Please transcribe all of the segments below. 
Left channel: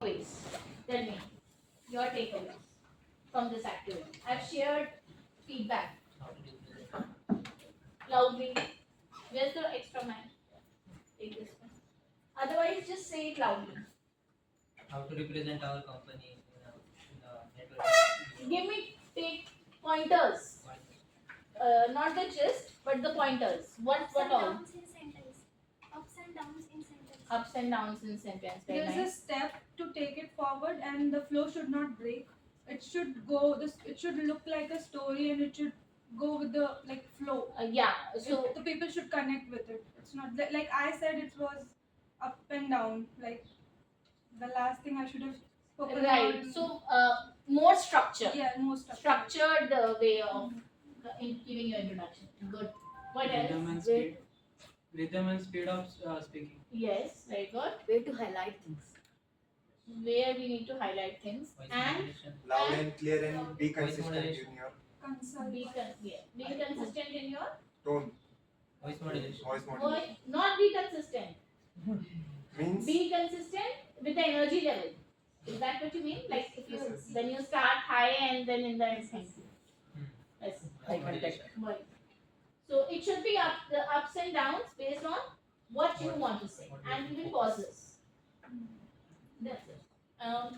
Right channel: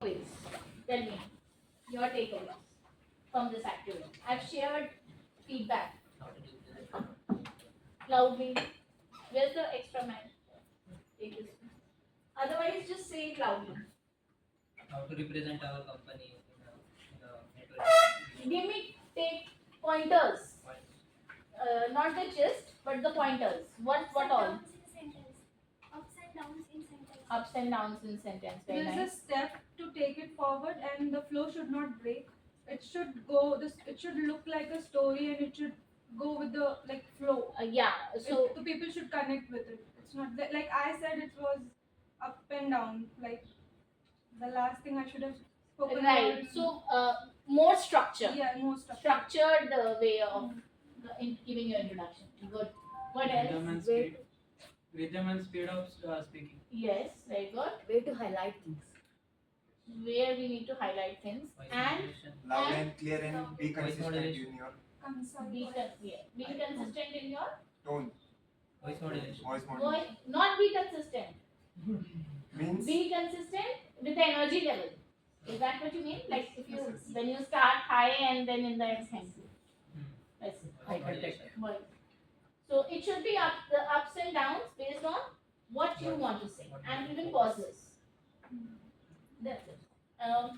takeaways. Tell me your takeaways from this activity. I've shared feedback loudly. Where's the extra man? Take this one. Otherwise, just say it loudly. How to represent our company in the network. Give me take pointers. Not the gist, but the pointers. What all? Ups and downs in sentence. Ups and downs in sentence. Very There's a nice. step to take it forward, and the flow should not break. It should go. It should look like a story, and it should go with the flow. Yeah. So The people should connect with it. It's not like I said. It was up and down. Like the last thing I should have spoken right. about. So more structure. Yeah, most Structured way of giving your introduction. Good. What else? Rhythm and speed of speaking. Yes, very good. Way to highlight things. Where we need to highlight things Voice and modulation. Loud and clear and be Voice consistent modulation. in your be consistent in your tone. Voice modulation. Voice voice. modulation Not be consistent. means Be consistent with the energy level. Is that what you mean? Like if you when you start high and then in the end thank you. Yes. Voice modulation. Voice. So it should be the ups and downs based on what you want to say and even pauses. That's it.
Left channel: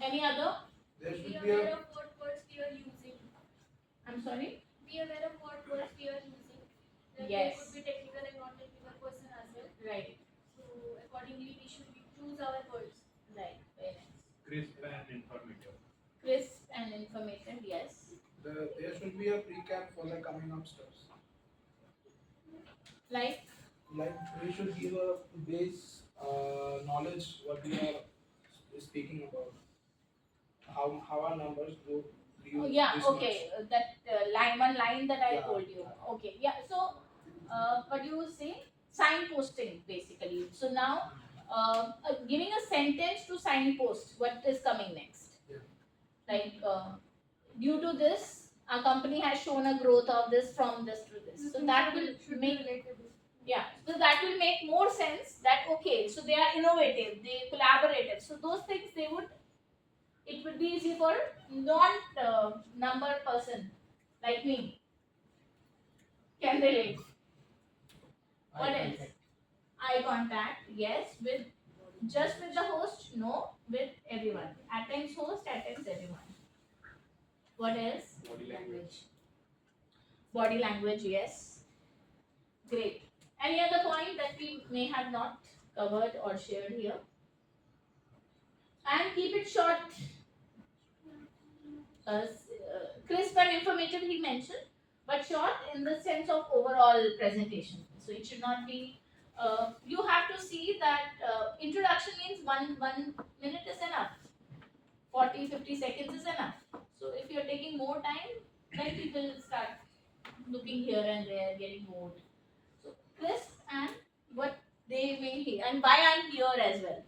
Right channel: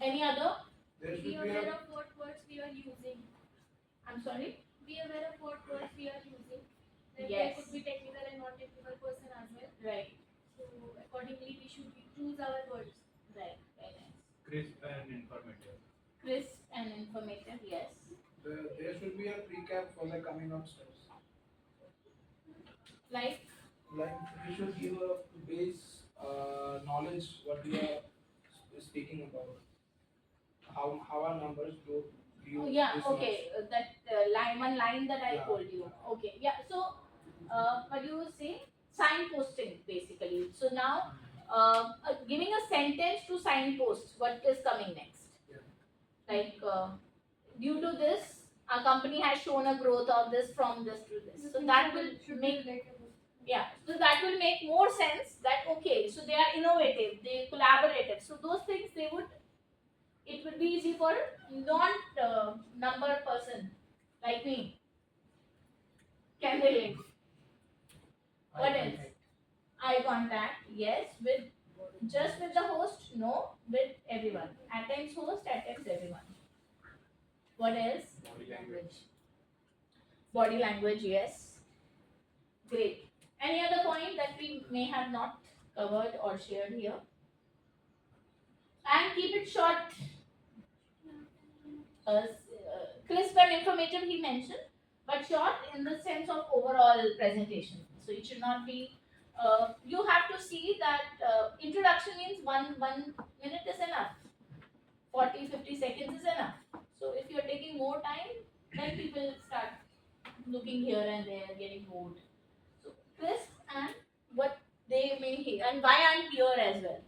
Any other? there Be should be aware a of what words we are using. I'm sorry. Be aware of what words we are using. Like Yes. There could be technical and non-technical person as well. Right. So accordingly, we should choose our words. Right. Very nice. Crisp and informative. Crisp and informative. Yes. There should be a recap for the coming up steps. Like Like we should give a base knowledge what we are speaking about. How our numbers grow. oh, yeah. Okay. That one line that I Yeah. told you. Okay. Yeah. So what do you say? Signposting basically. So now giving a sentence to signpost what is coming next. Yeah. Like due to this, our company has shown a growth of this from this to this. So that will make yeah. So that will make more sense that okay. So they are innovative, they collaborative. So those things it would be easy for non-number person like me. Can relate. What else? Eye contact, yes. With just with the host, no. With everyone. At times host, at times everyone. What else? Body language. Body language, yes. Great. Any other point that we may have not covered or shared here? And keep it short. Crisp and informative he mentioned, but short in the sense of overall presentation. So it should not be. You have to see that introduction means one minute is enough. 40-50 seconds is enough. So if you're taking more time, then people start looking here and there, getting bored. So crisp and what they may hear and why I'm here as well.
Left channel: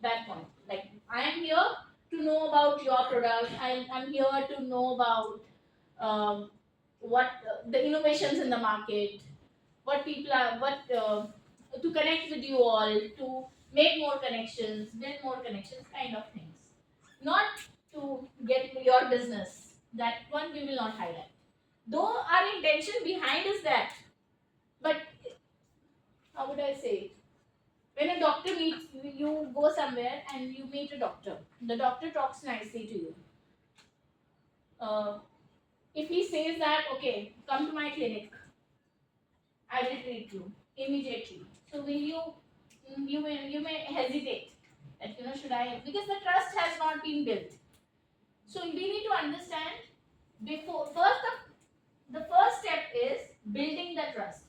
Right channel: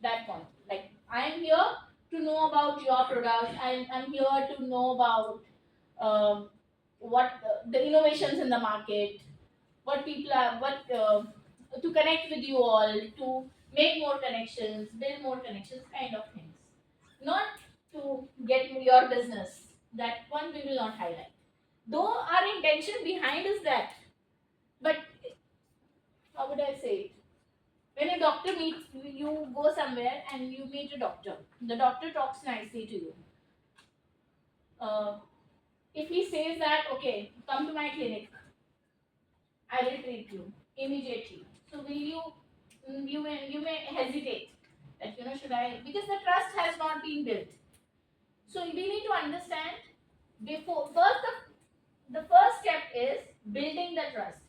That point. Like I am here to know about your product. I'm here to know about what the innovations in the market, what people are, to connect with you all, to make more connections, build more connections, kind of things. Not to get your business. That one we will not highlight. Though our intention behind is that, but how would I say it? When a doctor meets you, go somewhere and you meet a doctor. The doctor talks nicely to you. If he says that, okay, come to my clinic, I will treat you immediately. So will you may hesitate that should I, because the trust has not been built. So we need to understand before the first step is building the trust.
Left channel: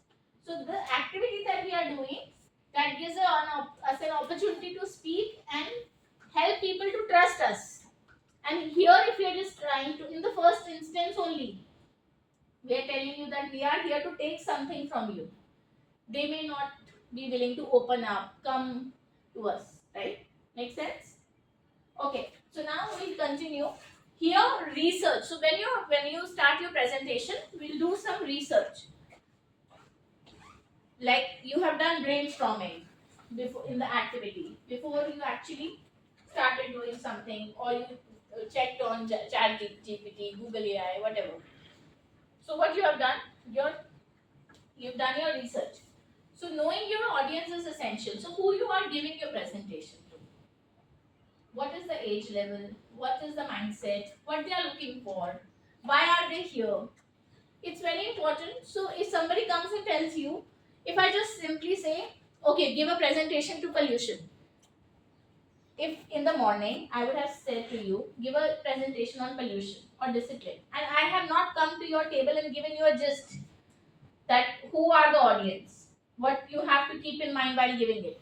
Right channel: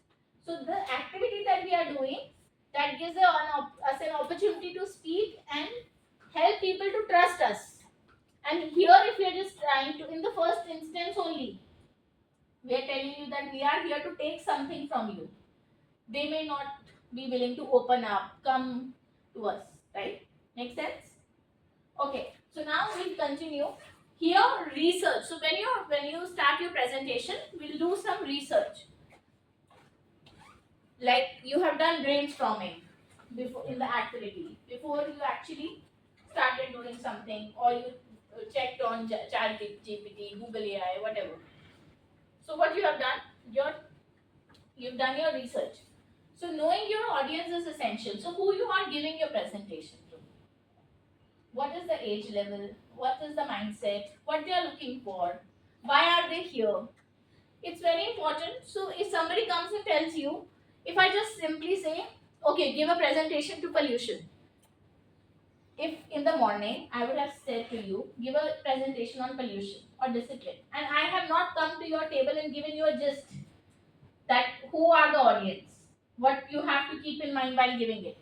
So the activity that we are doing that gives us an opportunity to speak and help people to trust us. And here, if you are just trying to, in the first instance only, we are telling you that we are here to take something from you. They may not be willing to open up, come to us, right? Make sense? Okay. So now we'll continue. Here, research. So when you start your presentation, we'll do some research. Like you have done brainstorming before in the activity before you actually started doing something, or you checked on Chat GPT, Google AI, whatever. So what you have done, you've done your research. So knowing your audience is essential. So who you are giving your presentation to? What is the age level? What is the mindset? What they are looking for? Why are they here? It's very important. So if somebody comes and tells you, if I just simply say, okay, give a presentation to pollution. If in the morning I would have said to you, give a presentation on pollution or discipline, and I have not come to your table and given you a gist that who are the audience, what you have to keep in mind while giving it.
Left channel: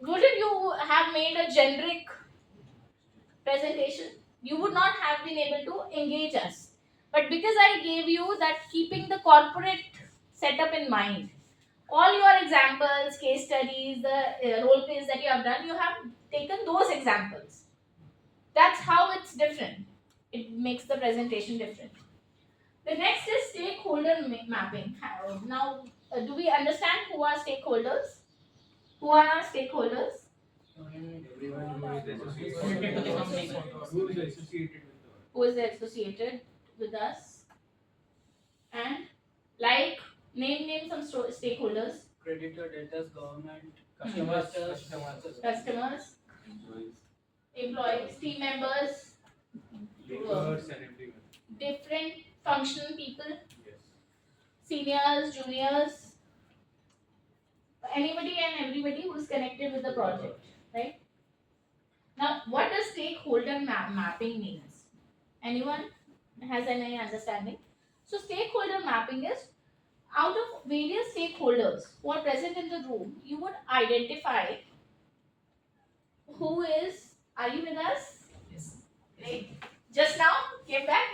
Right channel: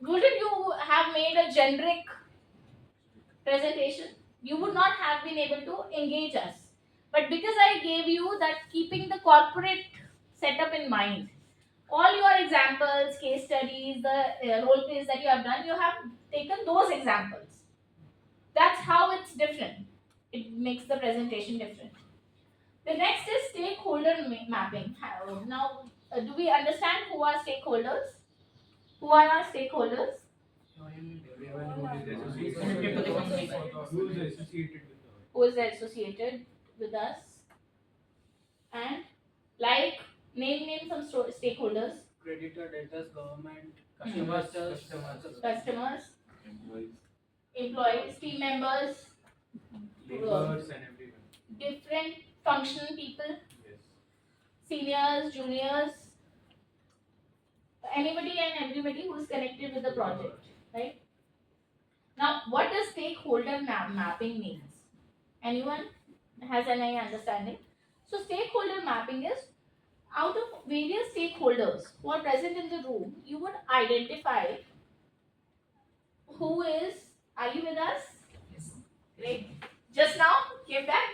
Wouldn't you have made a generic presentation? You would not have been able to engage us. But because I gave you that keeping the corporate setup in mind, all your examples, case studies, the role plays that you have done, you have taken those examples. That's how it's different. It makes the presentation different. The next is stakeholder mapping. Now, do we understand who are stakeholders? Who are our stakeholders? Everyone who is Connected to the company. who is associated with the Who is associated with us? And like, name some stakeholders. creditor, debtors, government, Customers, Customers, employees, team members, laborers and everyone. different functional people, Yes. seniors, juniors, anybody and everybody who is connected with the project, right? Now, what does stakeholder mapping means? Anyone has any understanding? So, stakeholder mapping is out of various stakeholders who are present in the room, you would identify who is. Are you with us? Yes. Great. Just now came back.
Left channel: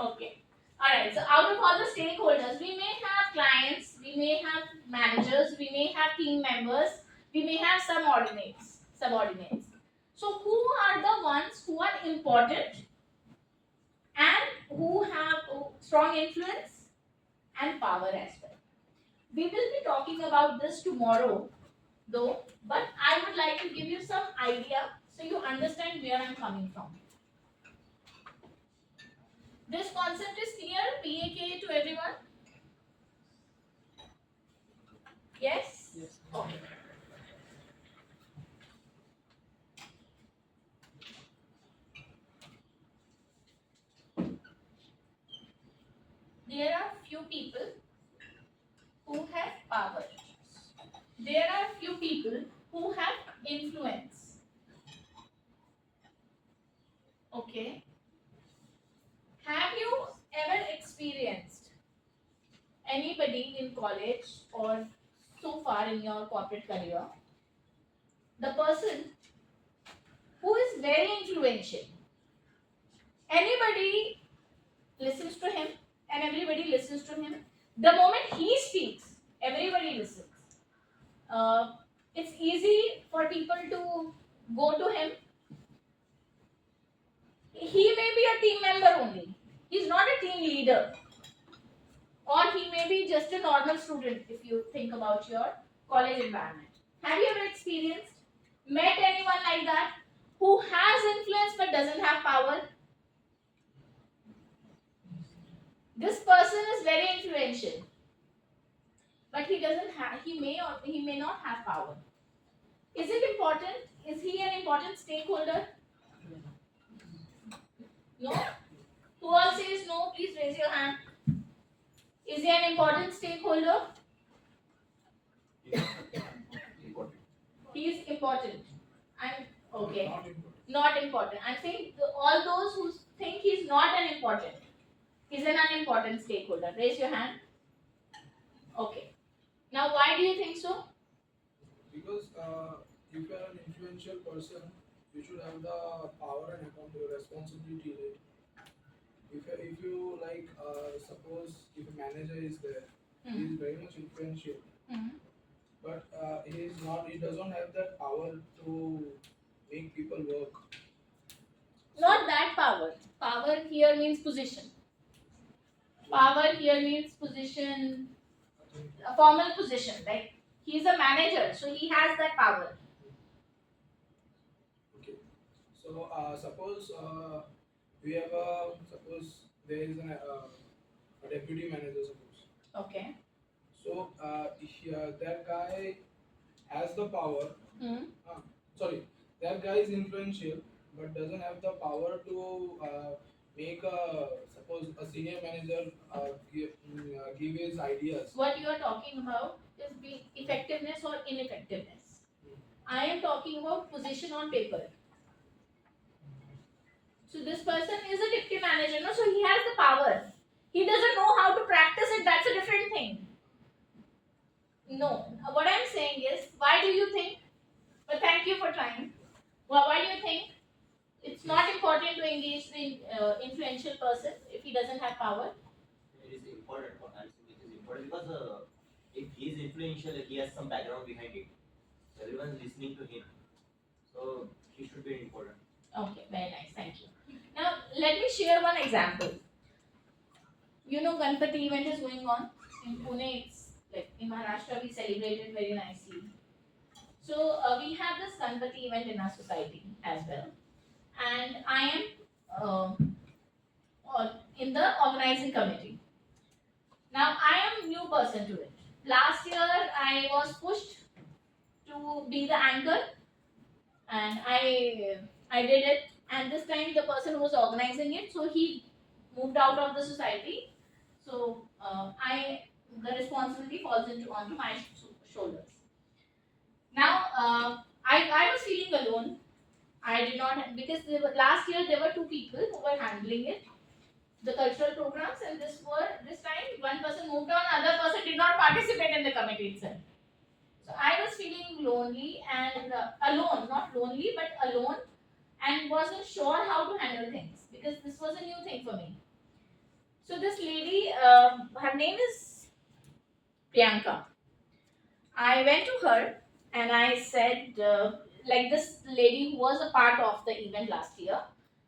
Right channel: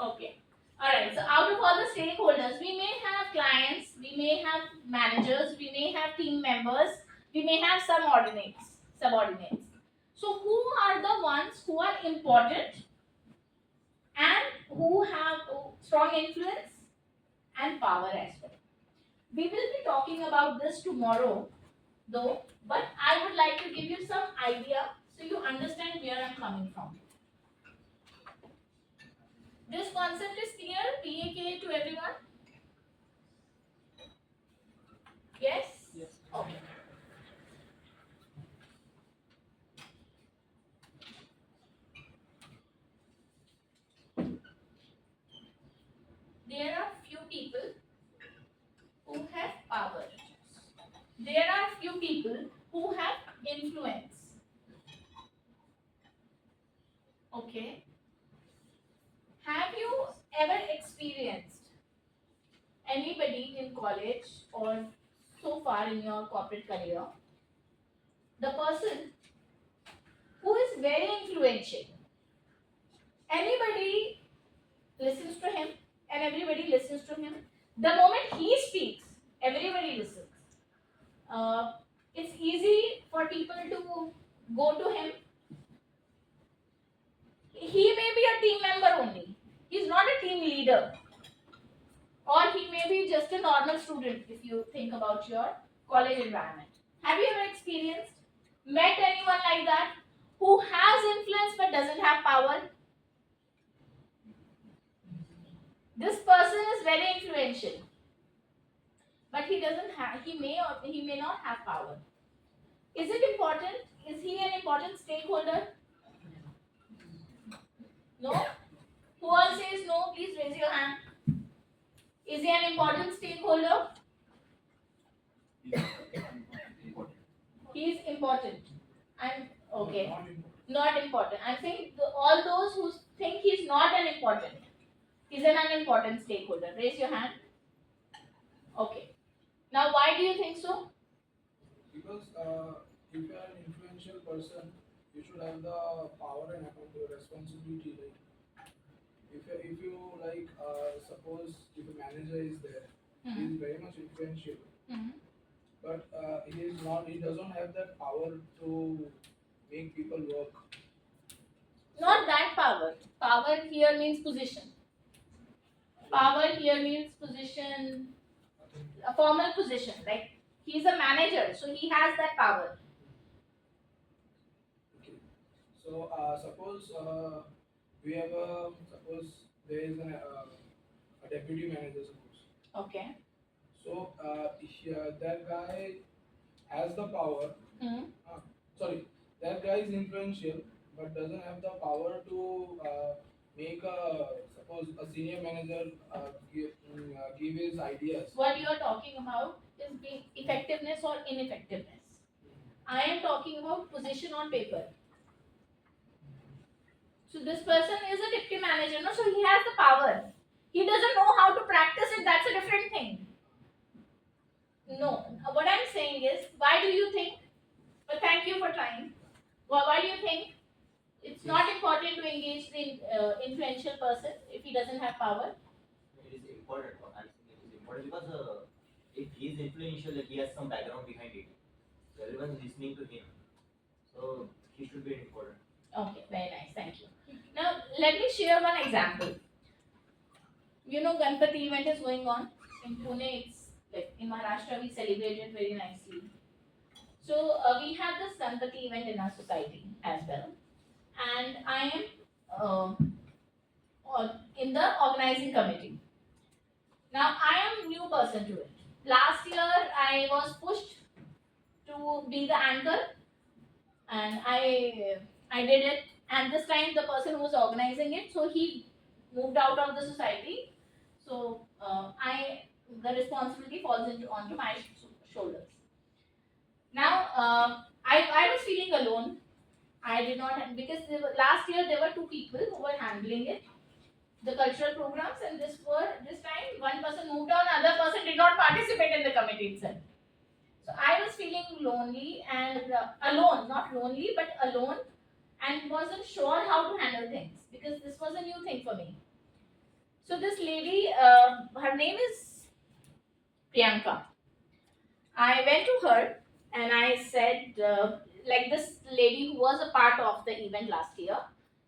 Okay. All right. So out of all the stakeholders, we may have clients, we may have managers, we may have team members, we may have subordinates. So who are the ones who are important and who have strong influence and power as well? We will be talking about this tomorrow, though, but I would like to give you some idea so you understand where I'm coming from. This concept is clear, PAK to everyone? Yes? Yes. Okay. There are few people who have power. There are few people who have influence. Okay. Have you ever experienced anybody in college or so far in your corporate career, the person who is very influential? Anybody listens to him and everybody listens to him. The moment he speaks, everybody listens. It's easy for people to go to him. He may be a team member only. He's not a team leader. Or he may be just a normal student if you think about your college environment. Have you ever experienced, met anyone like that who has influence but doesn't have power? This person is very influential, but he doesn't have. He may not have power. Is it important? Is he an important stakeholder? No? Who all says no? Please raise your hand. Is he an important stakeholder? Important. He is important. And okay, Not important. not important. I'm saying all those who think he's not an important, he's an unimportant stakeholder. Raise your hand. Okay. Now, why do you think so? Because if you are an influential person, you should have the power and responsibility, right? If you like, suppose if a manager is there, he is very much influential, but he doesn't have that power to make people work. Not that power. Power here means position. Power here means position, a formal position. Like he's a manager, so he has that power. Okay. So suppose we have a suppose there is a deputy manager suppose. Okay. So that guy has the power. Hmm. Sorry, that guy is influential but doesn't have the power to make a suppose a senior manager give his ideas. What you are talking about is being effectiveness or ineffectiveness. I am talking about position on paper. So this person is a deputy manager, no? So he has the power. He doesn't know how to practice it. That's a different thing. No. What I'm saying is, why do you think? But thank you for trying. Why do you think it's not important to engage the influential person if he doesn't have power? It is important for us. It is important because if he is influential, he has some background behind it. So everyone is listening to him. So he should be important. Okay, very nice. Thank you. Now let me share one example. You know, Ganpati event is going on in Pune. It's like in Maharashtra we celebrate it very nicely. So we have this Ganpati event in our society as well, and I am in the organizing committee. Now I am new person to it. Last year I was pushed to be the anchor, and I did it. And this time the person who was organizing it, so he moved out of the society. So the responsibility falls onto my shoulders. Now I was feeling alone. I did not because last year there were two people who were handling it, the cultural programs, and this time one person moved on, other person did not participate in the committee itself. So I was feeling lonely and alone, not lonely but alone, and wasn't sure how to handle things because this was a new thing for me. So this lady, her name is Priyanka. I went to her and I said, like this lady who was a part of the event last year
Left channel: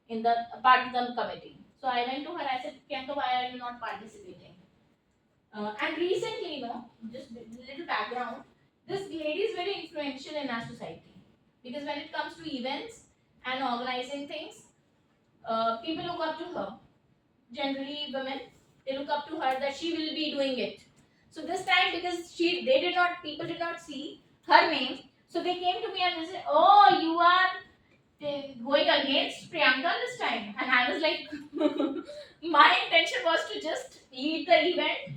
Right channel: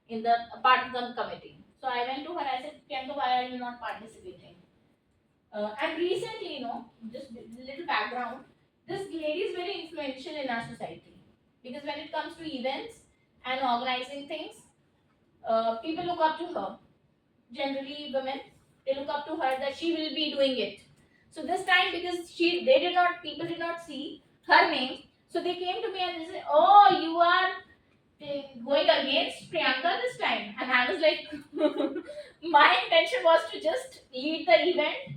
in the part of the committee. So I went to her. I said, Priyanka, why are you not participating? And recently, you know, just a little background. This lady is very influential in our society because when it comes to events and organizing things, people look up to her. Generally, women, they look up to her that she will be doing it. So this time, because people did not see her name, so they came to me and they said, "Oh, you are going against Priyanka this time," and I was like, my intention was to just lead the event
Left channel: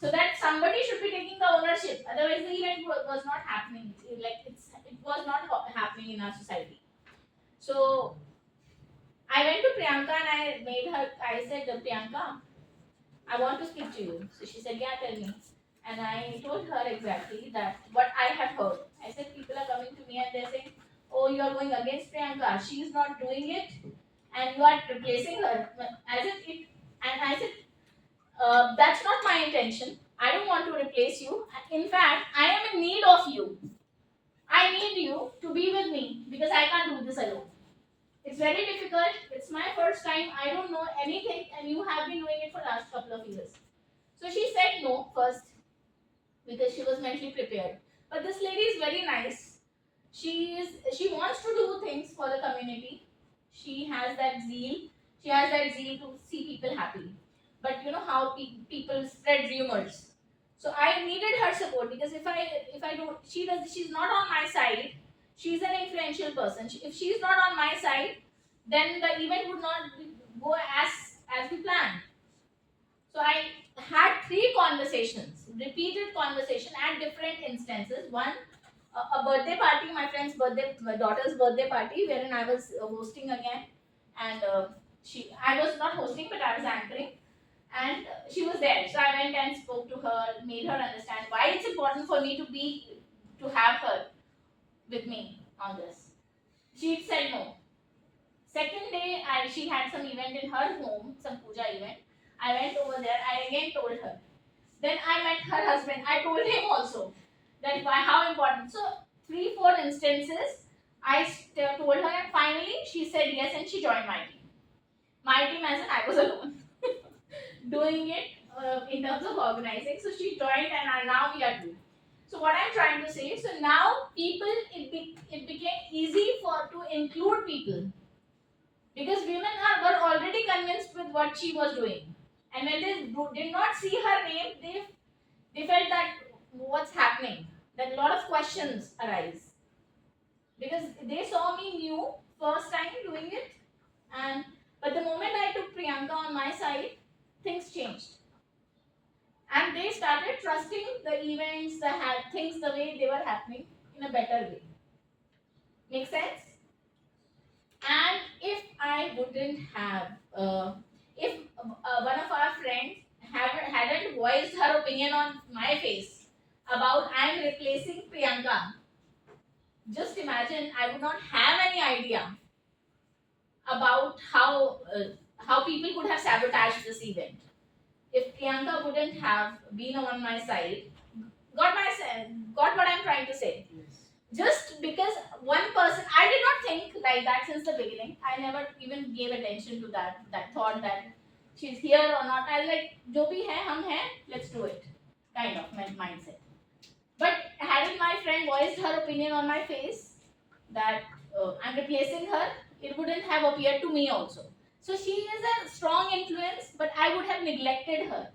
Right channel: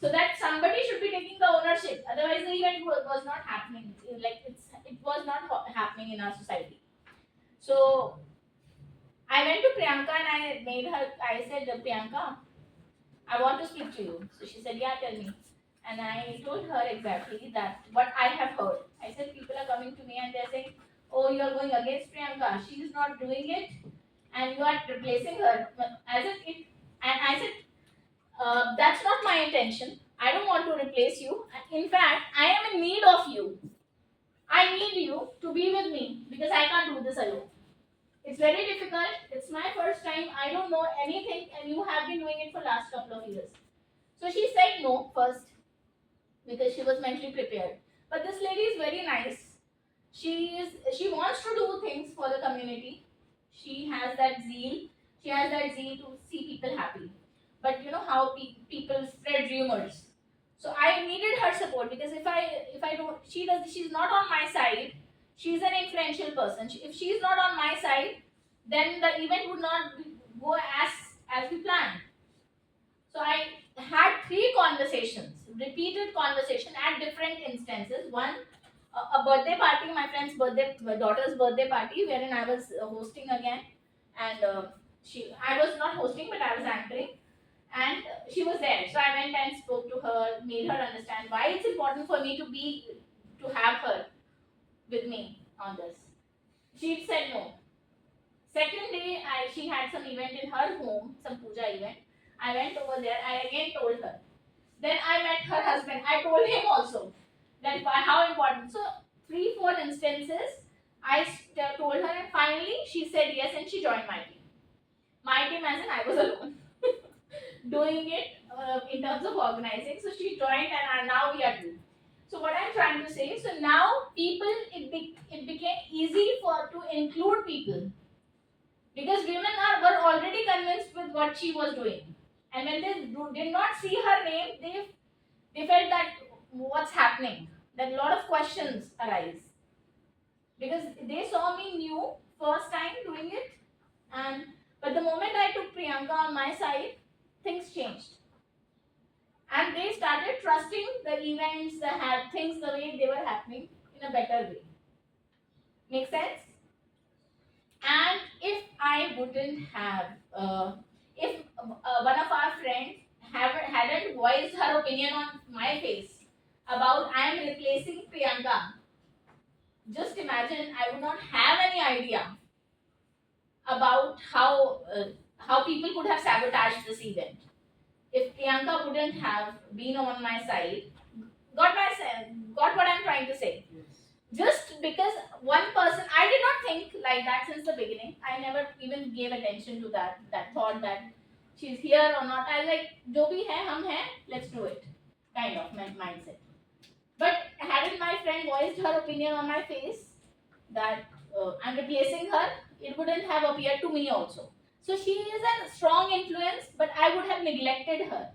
so that somebody should be taking the ownership. Otherwise, the event was not happening. It was not happening in our society. So I went to Priyanka and I said, Priyanka, I want to speak to you. So she said, yeah, tell me. And I told her exactly that what I have heard. I said, people are coming to me and they're saying, oh, you are going against Priyanka. She is not doing it and you are replacing her. I said, that's not my intention. I don't want to replace you. In fact, I am in need of you. I need you to be with me because I can't do this alone. It's very difficult. It's my first time. I don't know anything and you have been doing it for last couple of years. So she said no first because she was mentally prepared. But this lady is very nice. She wants to do things for the community. She has that zeal. She has that zeal to see people happy. But you know how people spread rumors. So I needed her support because if I don't, she's not on my side. She's an influential person. If she's not on my side, then the event would not go as we planned. So I had 3 conversations, repeated conversation at different instances. One, a birthday party, my daughter's birthday party, wherein I was hosting again, and I was not hosting, but I was anchoring, and she was there. So I went and spoke to her, made her understand why it's important for me to have her with me on this. She said no. Second day, she had some event in her home, some puja event. I went over there. I again told her. Then I met her husband. I told him also that how important. So 3-4 instances, I told her, and finally she said yes, and she joined my team. My team, as in I was alone doing it in terms of organizing. So she joined, and now we are 2. So what I'm trying to say, so now it became easy to include people because women were already convinced with what she was doing, and when they did not see her name, they felt that what's happening, that a lot of questions arise, because they saw me new first time doing it, and but the moment I took Priyanka on my side, things changed, and they started trusting the events, things the way they were happening in a better way. Make sense? And if I wouldn't have, if one of our friends hadn't voiced her opinion on my face about I'm replacing Priyanka, just imagine I would not have any idea about how people could have sabotaged this event. If Priyanka wouldn't have been on my side, got what I'm trying to say. Just because one person, I did not think like that since the beginning. I never even gave attention to that thought that she's here or not. I was like, jo bhi hai, hum hai, let's do it, kind of mindset. But hadn't my friend voiced her opinion on my face that I'm replacing her, it wouldn't have appeared to me also. So she is a strong influence, but I would have neglected her.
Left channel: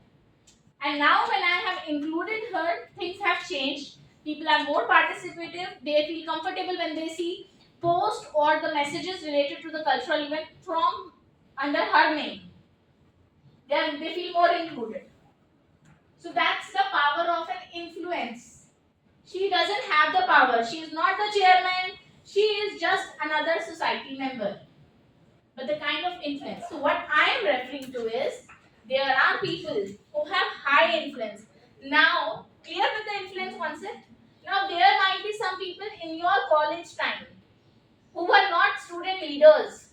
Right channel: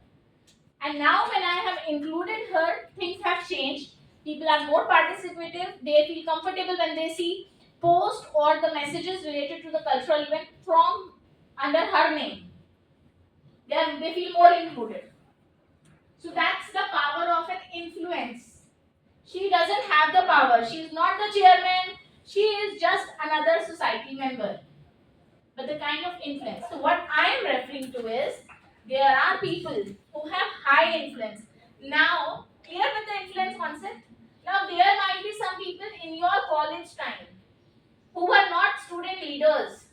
And now when I have included her, things have changed. People are more participative. They feel comfortable when they see posts or the messages related to the cultural event from under her name. They feel more included. So that's the power of an influence. She doesn't have the power. She is not the chairman. She is just another society member. But the kind of influence. So what I am referring to is there are people who have high influence. Now, clear with the influence concept? Now, there might be some people in your college time who were not student leaders,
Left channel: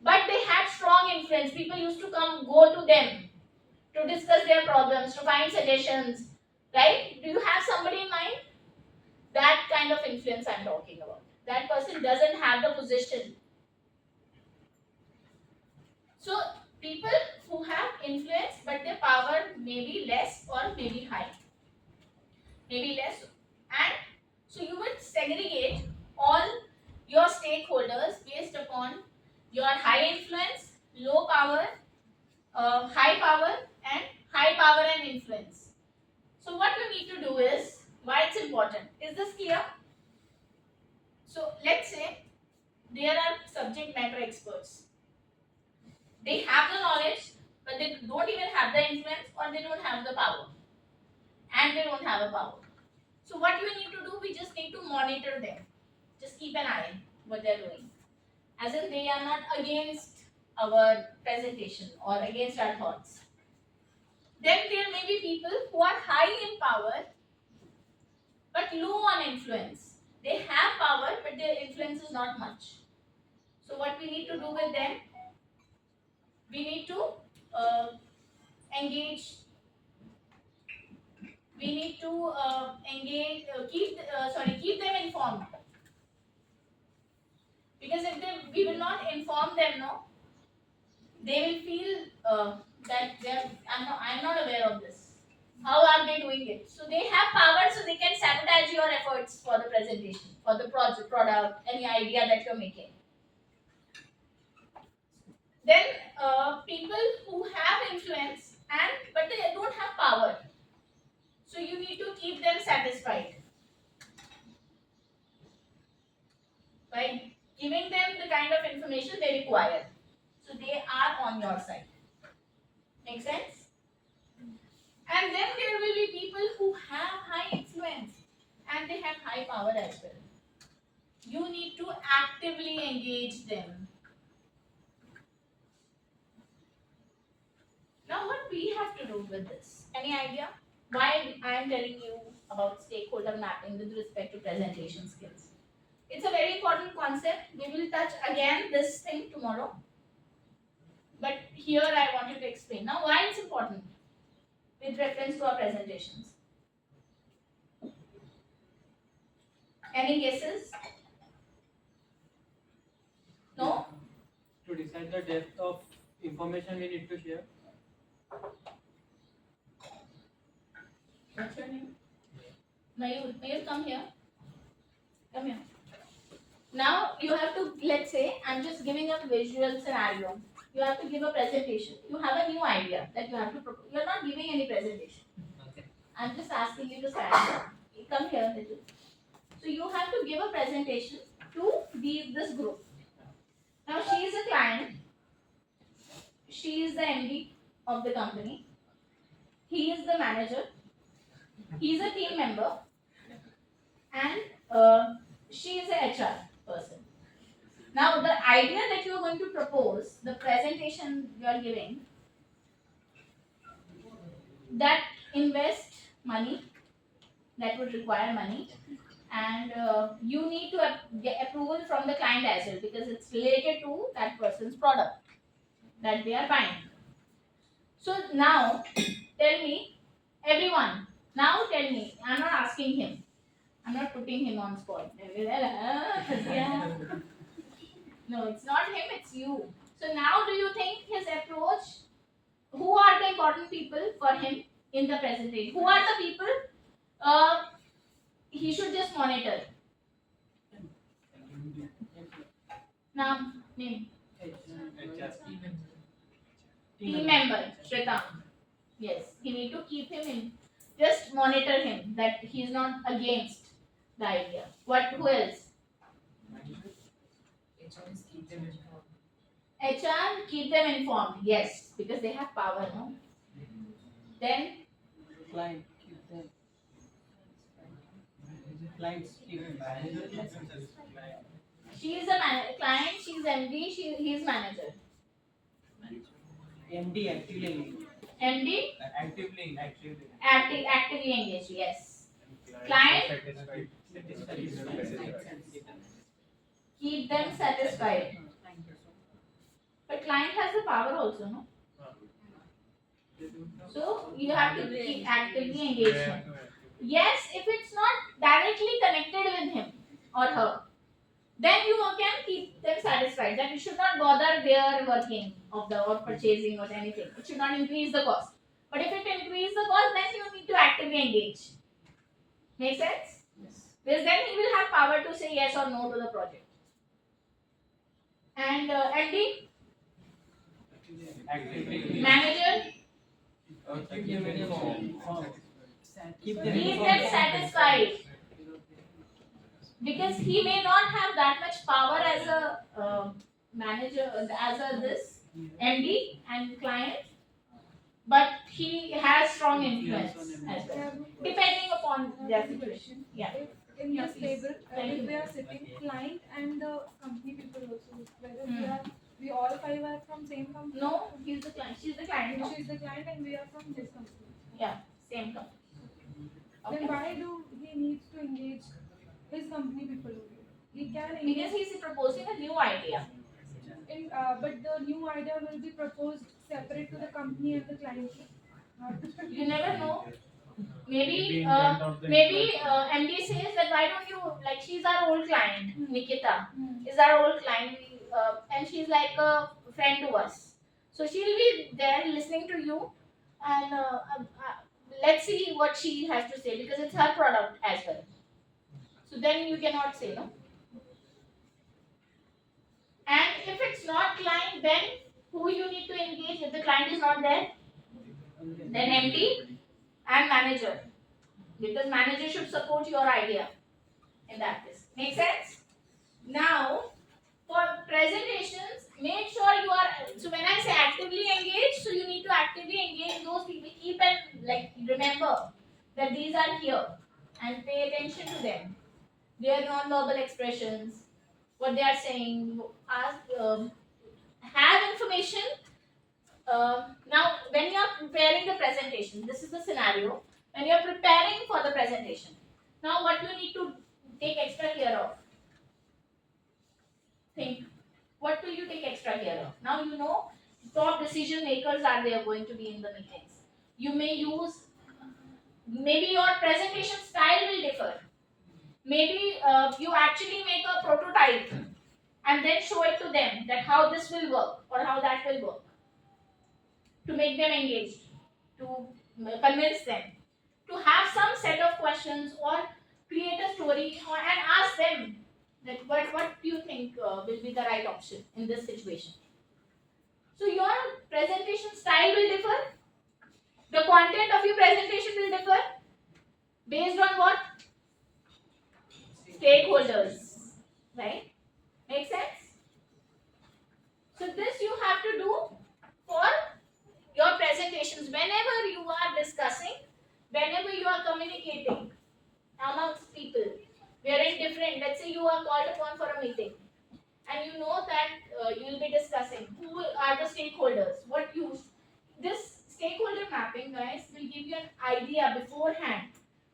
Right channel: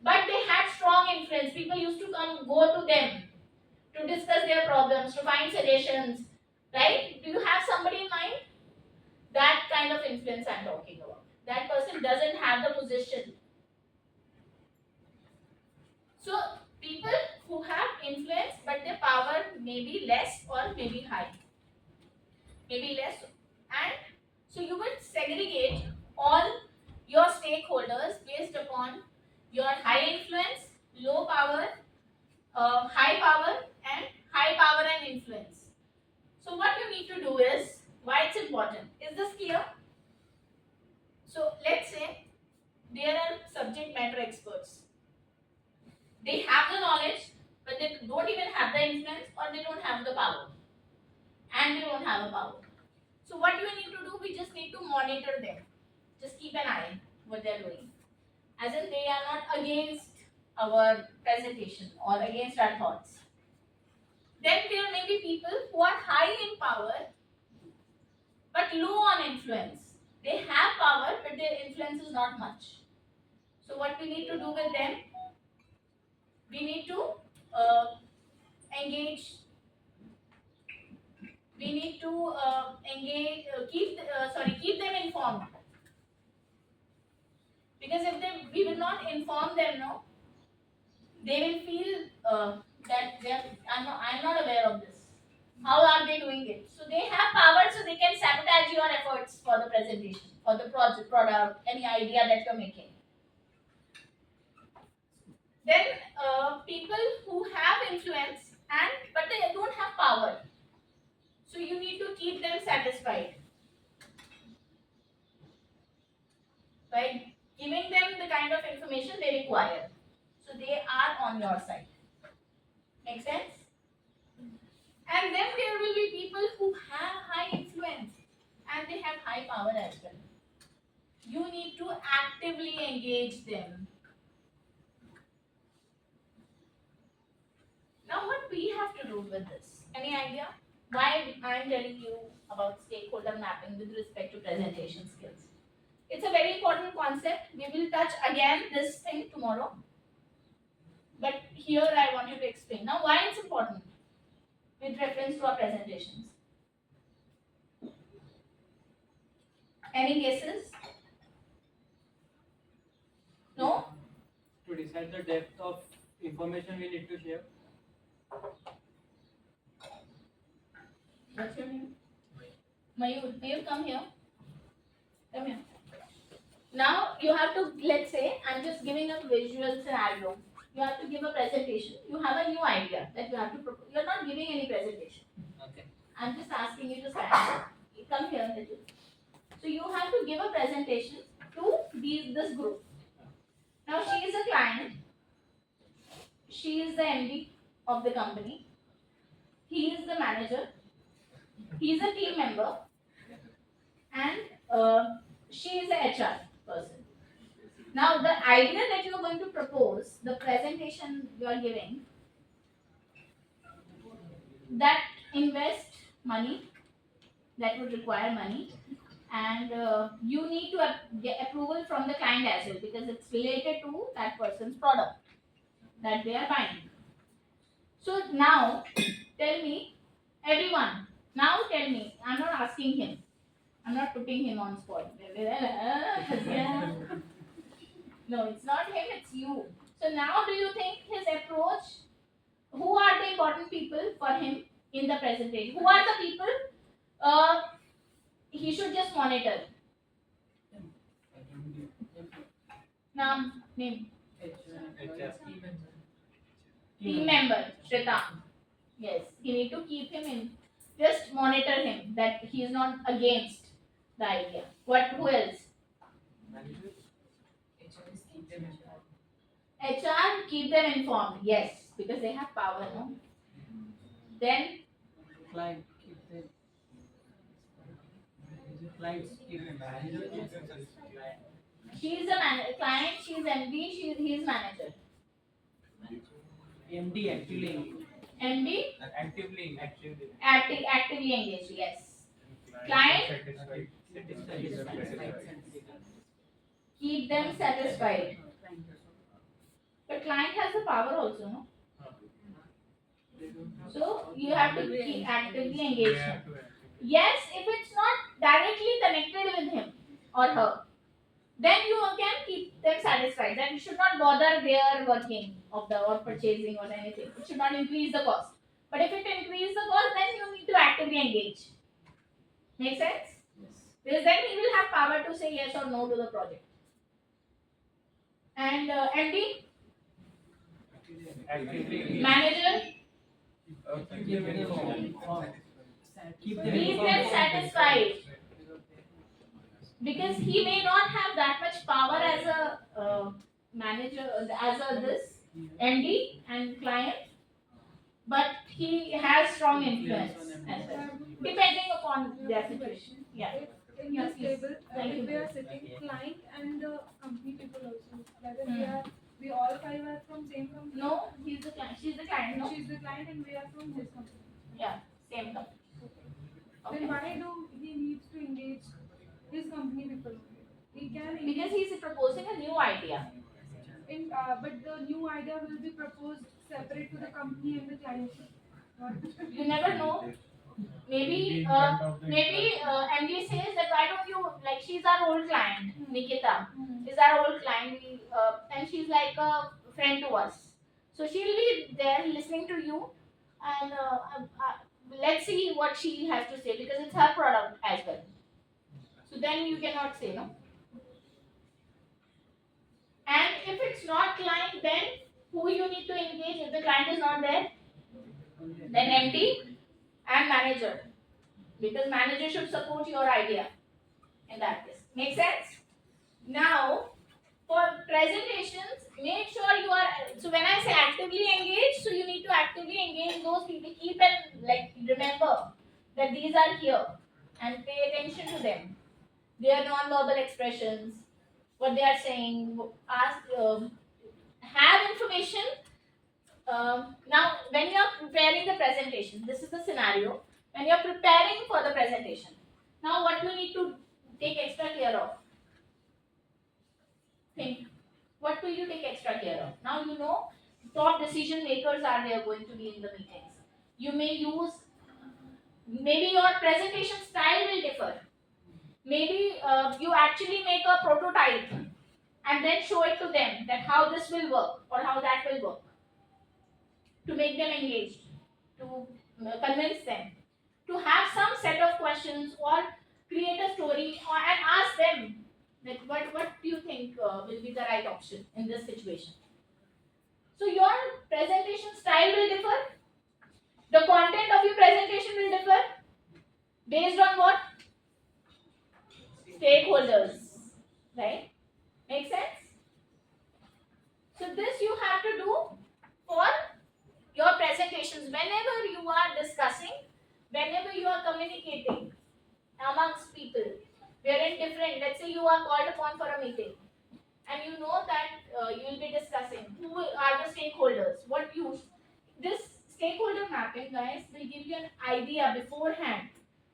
but they had strong influence. People used to go to them to discuss their problems, to find suggestions, right? Do you have somebody in mind? That kind of influence I'm talking about. That person doesn't have the position. So, people who have influence, but their power may be less or may be high. Maybe less. And so you will segregate all your stakeholders based upon your high influence, low power, high power, and high power and influence. So what you need to do is, why it's important. Is this clear? So let's say there are subject matter experts. They have the knowledge, but they don't even have the influence, or they don't have the power. And they don't have a power. So what we need to do, we just need to monitor them. Just keep an eye what they're doing. As in they are not against our presentation or against our thoughts. Then there may be people who are high in power but low on influence. They have power but their influence is not much. So what we need to do with them? We need to engage. We need to keep them informed. Because if we will not inform them, no, they will feel that I'm not aware of this. How are they doing it? So they have power, so they can sabotage your efforts for the presentation, for the product, any idea that you're making. Then people who have influence but they don't have power. So you need to keep them satisfied by giving them the kind of information they require. So they are on your side. Make sense? And then there will be people who have high influence and they have high power as well. You need to actively engage them. Now what we have to do with this? Any idea? Why I am telling you about stakeholder mapping with respect to presentation skills. It's a very important concept. We will touch again this thing tomorrow. But here I want you to explain. Now why it's important with reference to our presentations. Any guesses? No? To decide the depth of information we need to share. What's your name? Mayur. Mayur, come here. Come here. Now you have to, let's say, I'm just giving a visual scenario. You have to give a presentation. You have a new idea that you have to propose. You're not giving any presentation. Okay. I'm just asking you to stand up. You come here, little. So you have to give a presentation to this group. Now she is a client. She is the MD of the company. He is the manager. He is a team member, and she is a HR person. Now the idea that you are going to propose, the presentation you are giving, that invest money, that would require money, and you need to get approval from the client as well because it's related to that person's product that they are buying. So now tell me, everyone, now tell me, I'm not asking him, I'm not putting him on spot. Yeah. No, it's not him, it's you. So now do you think his approach, who are the important people for him in the presentation? Who are the people he should just monitor? Now, name. Team member, Shweta. Yes, you need to keep him in. Just monitor him that he is not against the idea. What? Who else? HR keep them informed. Yes, because they have power, no? Then Client, keep them. Clients, keep them. she is a client. She is MD. He is manager. MD actively engaged. MD Actively. actively engaged. Yes. Client? Keep them satisfied. But client has the power also, no? So you have to keep actively engage him. Yes, if it's not directly connected with him or her, then you can keep them satisfied. That you should not bother their working of the or purchasing or anything. It should not increase the cost. But if it increases the cost, then you need to actively engage. Make sense? Yes. Because then he will have power to say yes or no to the project. And MD, manager, Keep them informed. Keep them keep them informed. satisfied. Because he may not have that much power as a manager, as a this MD and client, but he has strong influence as well, depending upon their situation. Yeah. In Yeah, this please. table, Thank you. we are sitting client and the company people also. Whether Hmm. we all five are from same company. No, he's the client. She's the client. No, She's the client and we are from this company. same company. Then Okay. why do he needs to engage his company people? He can Because he's proposing a new idea. but the new idea will be proposed separate to the company and the client. You never know. Maybe MD says that why don't you, like, she's our old client, Nikita is our old client, and she's like a friend to us. So she'll be there listening to you, and let's see what she has to say because it's her product as well. So then you cannot say no. And if it's not client, then who you need to engage if the client is not there? Then MD and manager, because manager should support your idea in that case. Make sense? Now, for presentations, make sure you are, so when I say actively engage, so you need to actively engage those people. Keep and like remember that these are here and pay attention to them. Their non-verbal expressions, what they are saying, ask, have information. Now, when you are preparing the presentation, this is the scenario. When you are preparing for the presentation, now what you need to take extra care of? Think. What will you take extra care of? Now you know top decision makers are there going to be in the meetings. You may use, maybe your presentation style will differ. Maybe you actually make a prototype and then show it to them that how this will work or how that will work, to make them engaged, to convince them, to have some set of questions or create a story and ask them That what do you think will be the right option in this situation? So your presentation style will differ. The content of your presentation will differ based on what? Stakeholders, right? Make sense? So this you have to do for your presentations whenever you are discussing, whenever you are communicating amongst people. We are in different, let's say you are called upon for a meeting and you know that you will be discussing who are the stakeholders, what you, this stakeholder mapping guys will give you an idea beforehand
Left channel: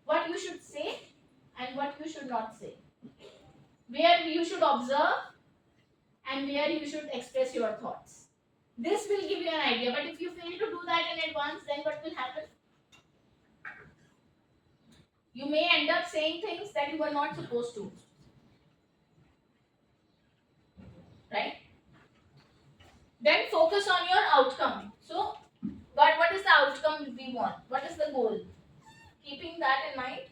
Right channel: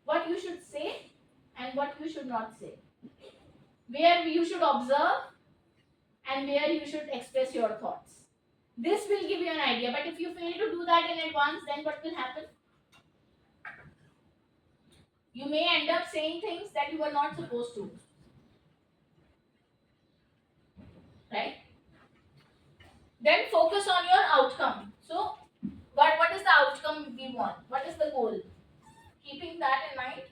what you should say and what you should not say, where you should observe and where you should express your thoughts. This will give you an idea, but if you fail to do that in advance, then what will happen? You may end up saying things that you were not supposed to. Right? Then focus on your outcome. So, what is the outcome we want? What is the goal? Keeping that in mind,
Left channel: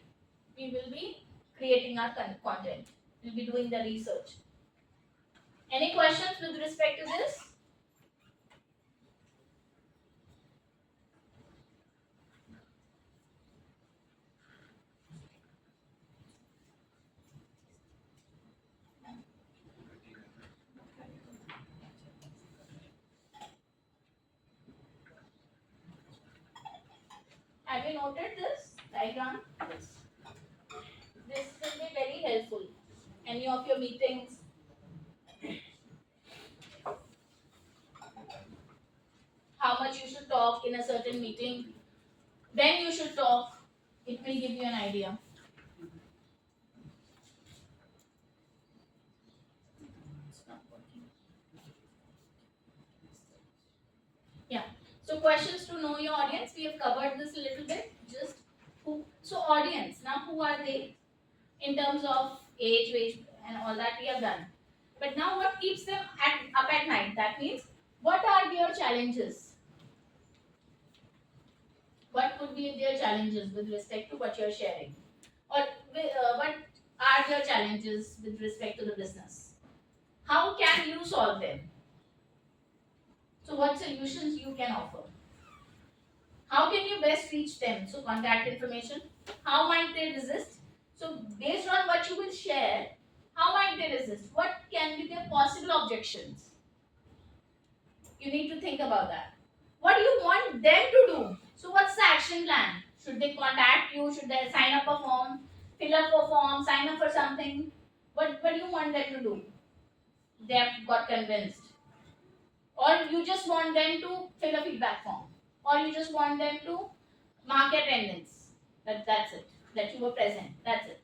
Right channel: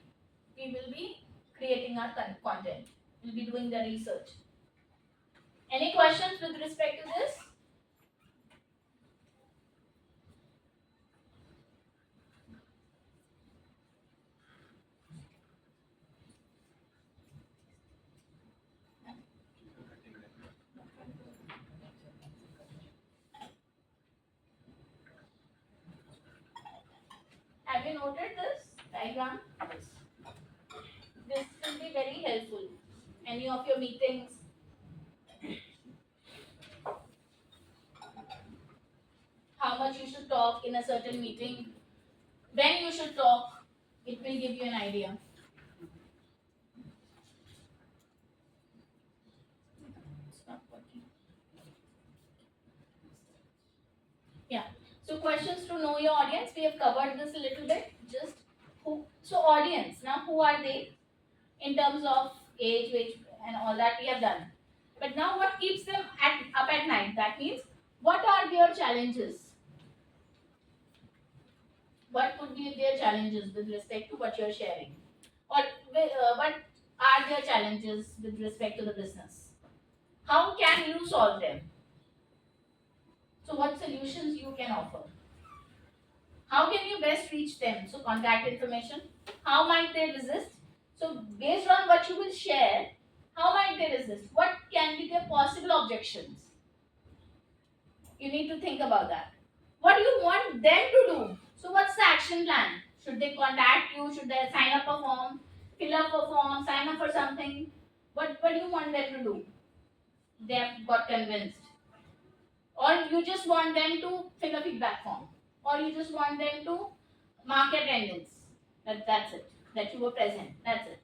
we will be creating our content. We'll be doing the research. Any questions with respect to this? Have you noted this diagram? This will be very helpful. Any of your meetings. How much you should talk in a certain meeting. When you should talk. It will give you an idea. Yeah. So questions to know your audience. We have covered this a little bit. Just who. So audience. Now who are they? In terms of age, and all that we have done. But now what keeps them up at night? That means what are their challenges? What could be their challenges with respect to what you are sharing? Or what are their challenges with respect to the business? How can you solve them? So what solutions you can offer? How can you best reach them? So contact information. How might they resist? So based on what you will share, how might they resist? What can be their possible objections? You need to think about that. What do you want them to do? So what's the action plan? Should they contact you? Should they sign up a form? Fill up a form? Sign up for something? What do you want them to do? They have got convinced. Or you just want them to fill a feedback form. Or you just want them to mark attendance. That's it. That you were present. That's it.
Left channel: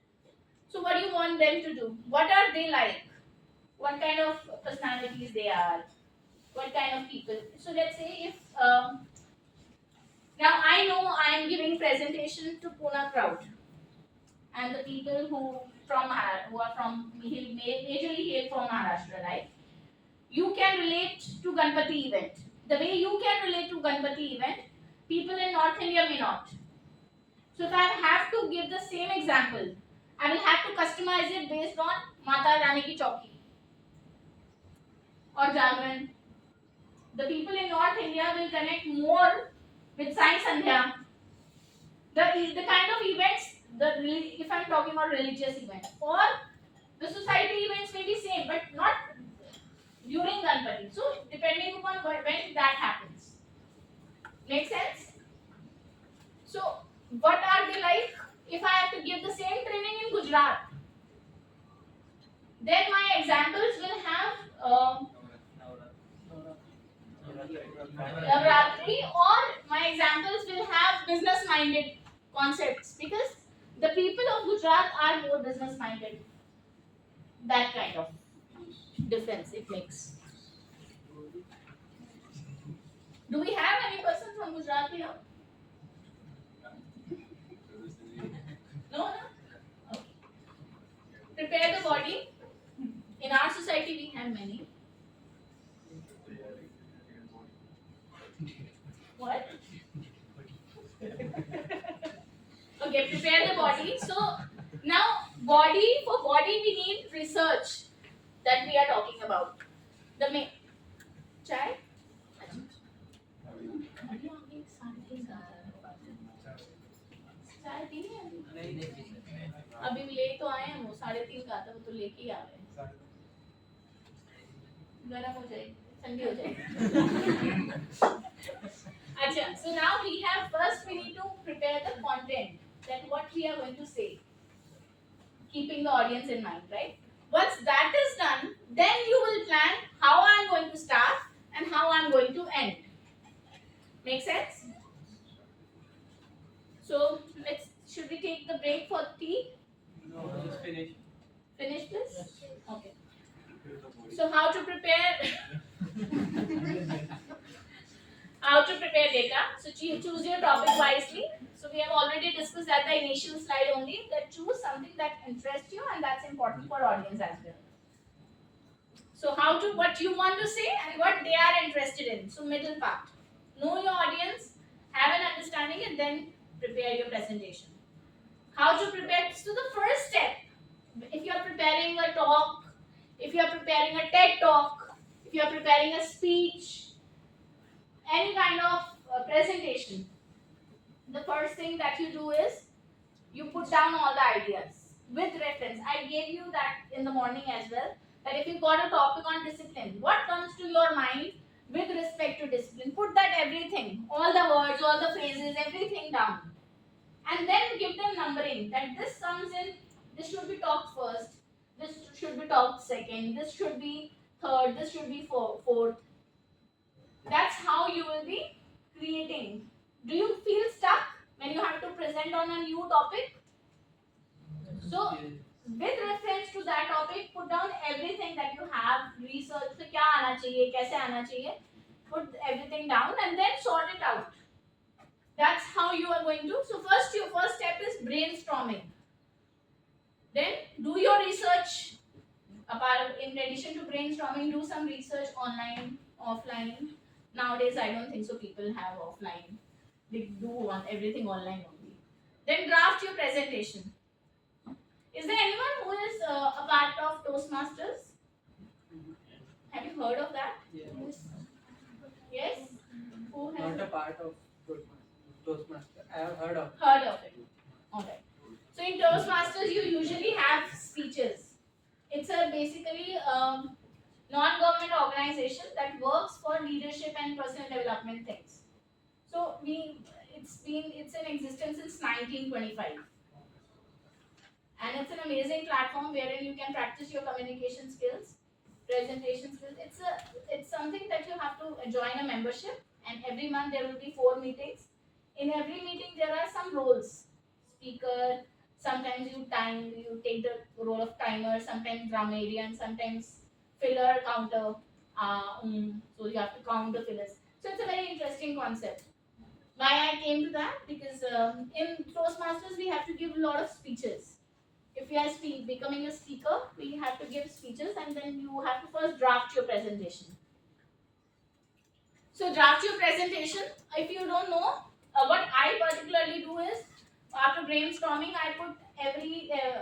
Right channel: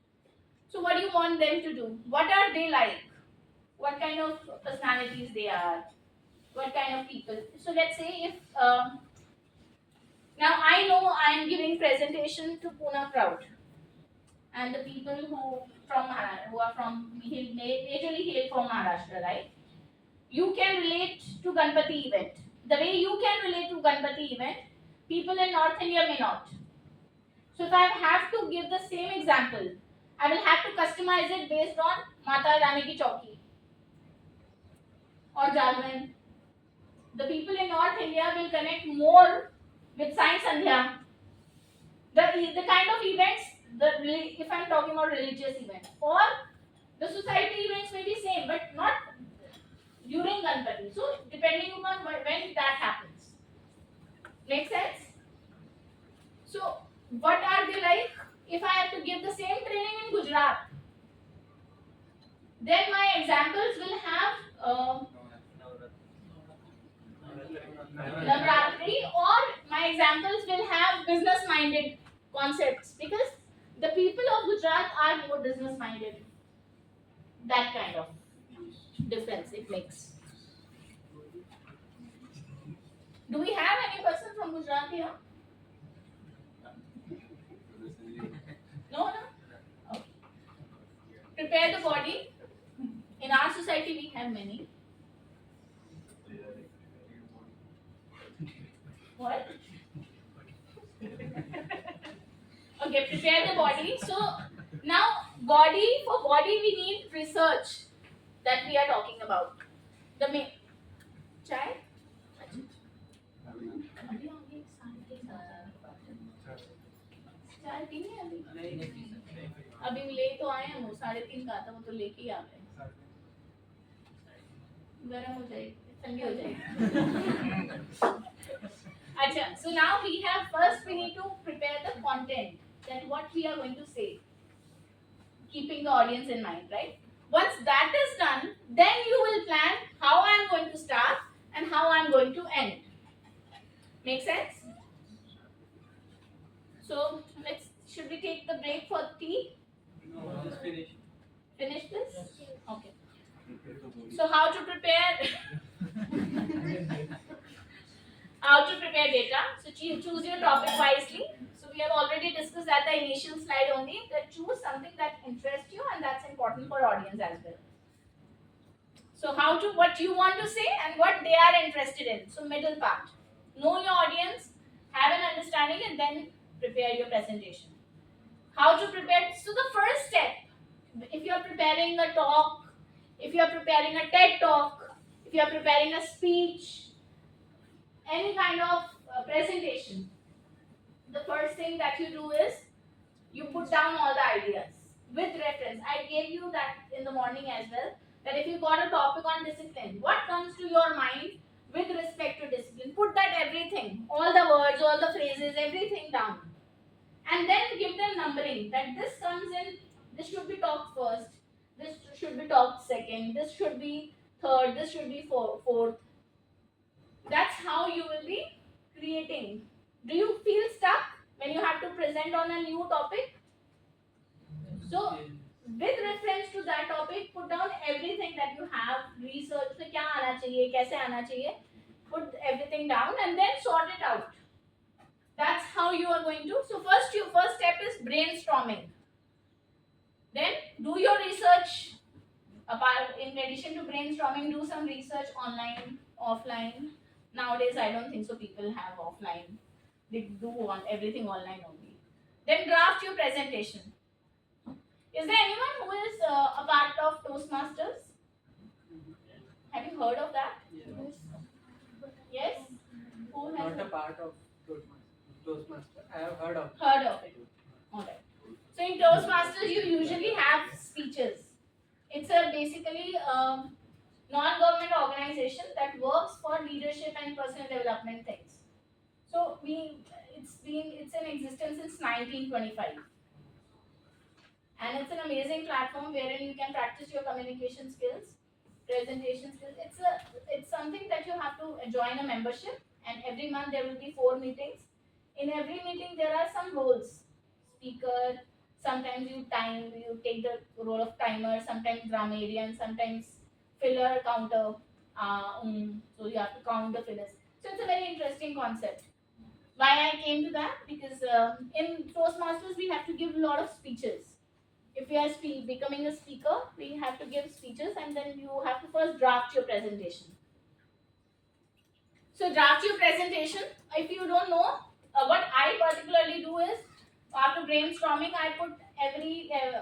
So what do you want them to do? What are they like? What kind of personalities they are? What kind of people? So let's say if now I know I am giving presentation to Pune crowd, and the people who are from majorly hail from Maharashtra, right? You can relate to Ganpati event. The way you can relate to Ganpati event, people in North India may not. So if I have to give the same example, I will have to customize it based on Mata Rani Ki Chauki or Jagran. The people in North India will connect more with Sai Sandhya. The kind of events, if I'm talking about religious events, or the society events may be same, but not during Ganpati. So depending upon when that happens. Make sense? So what are they like? If I have to give the same training in Gujarat, then my examples will have Navratri, or my examples will have business-minded concepts, because the people of Gujarat are more business-minded. That kind of difference it makes. Do we have any person from Gujarat here? No? Okay. Prepare the body. In our society, we have many. What? Okay, prepare the body. So now for body we need research that we are talking about. The main chai. चाय पीनी है अभी? नहीं P सकते। अभी ले तो आए हैं वो 3:30 का था वो तो लेके ही आ गए गरम हो जाएगी ठंडी हो जाएगी अच्छा so now we need to prepare the content that what we are going to say keeping the audience in mind right once that is done then you will plan how I am going to start and how I am going to end make sense so should we take the break for tea No, just finish. finish this okay so how to prepare data so choose your topic wisely so we have already discussed at the initial slide only that choose something that interests you and that's important for audience as well so what you want to say and what they are interested in so middle part know your audience have an understanding and then prepare your presentation how to prepare so the first step if you are preparing a talk if you are preparing a TED talk, if you are preparing a speech, any kind of presentation, the first thing that you do is you put down all the ideas with reference. I gave you that in the morning as well, that if you got a topic on discipline, what comes to your mind with respect to discipline? Put that everything, all the words, all the phrases, everything down. And then give them numbering, that this comes in, this should be talked first, this should be talked second, this should be third, this should be fourth. That's how you will be creating. Do you feel stuck when you have to present on a new topic? So, with reference to that topic, put down everything that you have, research, so क्या आना चाहिए, कैसे आना चाहिए, put everything down and then sort it out. That's how you are going to. So, your first step is brainstorming. Then do your research. In addition to brainstorming, do some research online, offline. Nowadays, I don't think so. People have offline. They do want everything online only. Then draft your presentation. Is there anyone who is a part of Toastmasters? Have you heard of that? Yes. Yes. Who has Not a part of Toastmaster. I have heard of. heard of it? Alright. So in Toastmasters, you usually have speeches. It's a basically non-government organization that works for leadership and personal development things. So it's in existence since 1925, and it's an amazing platform wherein you can practice your communication skills, presentation skills. It's something that you have to join a membership, and every month there will be 4 meetings. In every meeting there are some roles: speaker. Sometimes you take the role of timer, sometimes grammarian, sometimes filler counter. So you have to count the fillers. So it's a very interesting concept. Why I came to that? Because in Toastmasters we have to give a lot of speeches. If we are becoming a speaker, we have to give speeches and then you have to first draft your presentation. So draft your presentation. If you don't know, what I particularly do is, after brainstorming, I put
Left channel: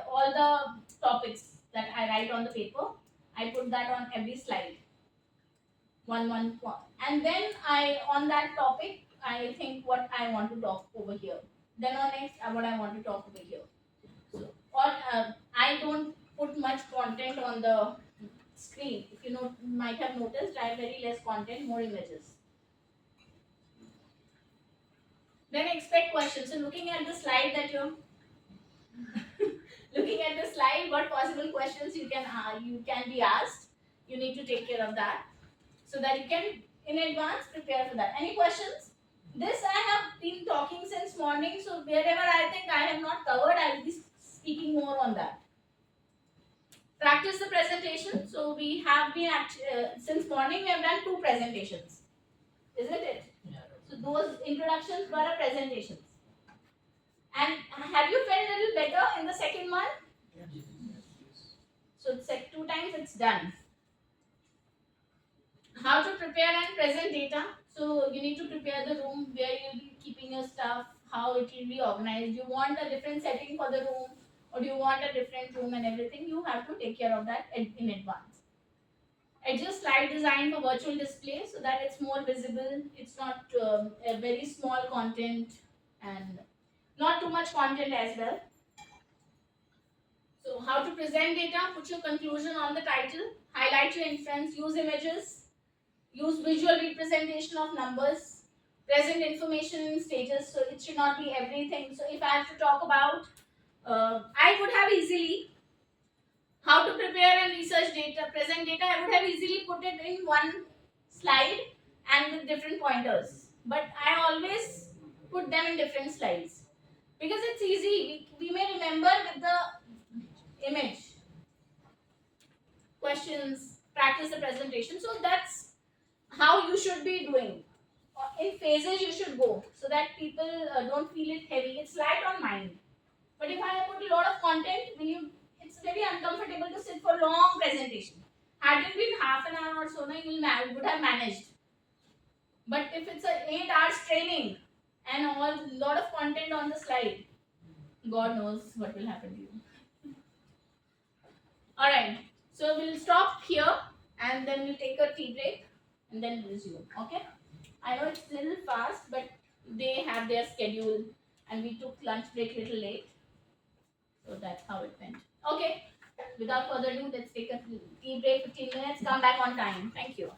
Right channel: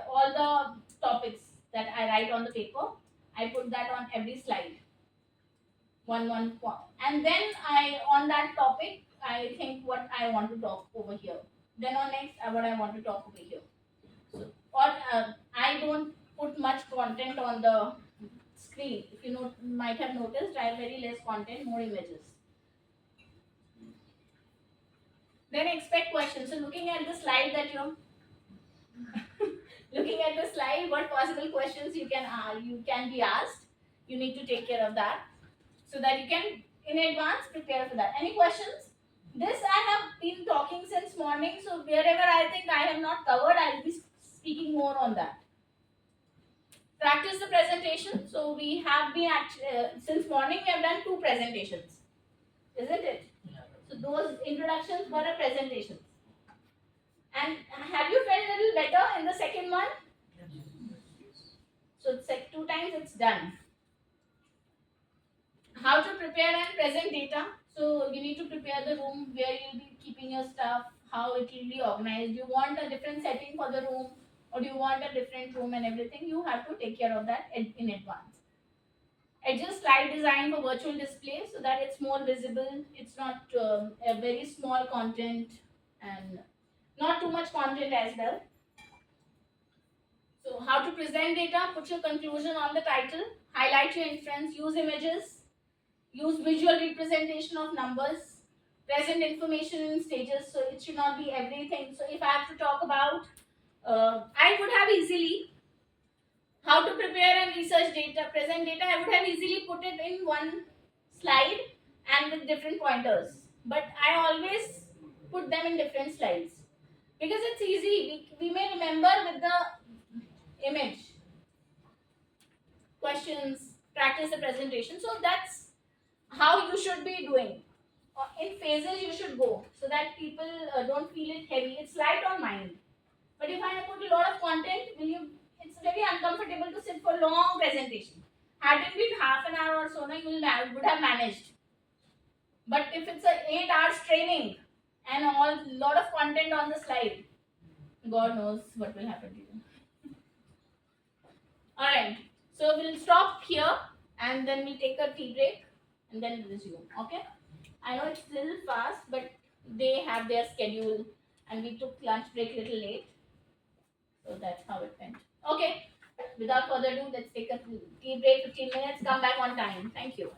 all the topics that I write on the paper. I put that on every slide. One, and then on that topic, I think what I want to talk over here. Then on next, what I want to talk over here. So, I don't put much content on the screen. If you might have noticed, I have very less content, more images. Then expect questions. So looking at the slide that you're looking at the slide, what possible questions you can be asked. You need to take care of that so that you can in advance prepare for that. Any questions? This I have been talking since morning, so wherever I think I have not covered, I will be speaking more on that. Practice the presentation. So we have been since morning we have done 2 presentations, isn't it? So those introductions were presentations. And have you felt a little better in the second one? So it's like 2 times it's done. How to prepare and present data. So you need to prepare the room where you'll be keeping your stuff, how it will be organized. You want a different setting for the room, or do you want a different room and everything, you have to take care of that in advance. Adjust slide design for virtual display so that it's more visible. It's not a very small content and not too much content as well. So how to present data, put your conclusion on the title, highlight your inference, use images, use visual representation of numbers, present information in stages, so it should not be everything. So if I have to talk about, I would have easily, how to prepare and research data, present data, I would have easily put it in one slide and with different pointers. But I always put them in different slides because it's easy. We may remember with the image, questions, practice the presentation. So that's how you should be doing. In phases you should go so that people don't feel it heavy. It's light on mind. But if I put a lot of content, it's very uncomfortable to sit for long presentation. Had it been half an hour or so, you would have managed. But if it's a 8 hours training and a lot of content on the slide, God knows what will happen to you. Alright, so we'll stop here and then we'll take a tea break and then resume. Okay? I know it's a little fast, but they have their schedule and we took lunch break a little late. So that's how it went. Okay, without further ado, let's take a tea break, 15 minutes, come back on time. Thank you.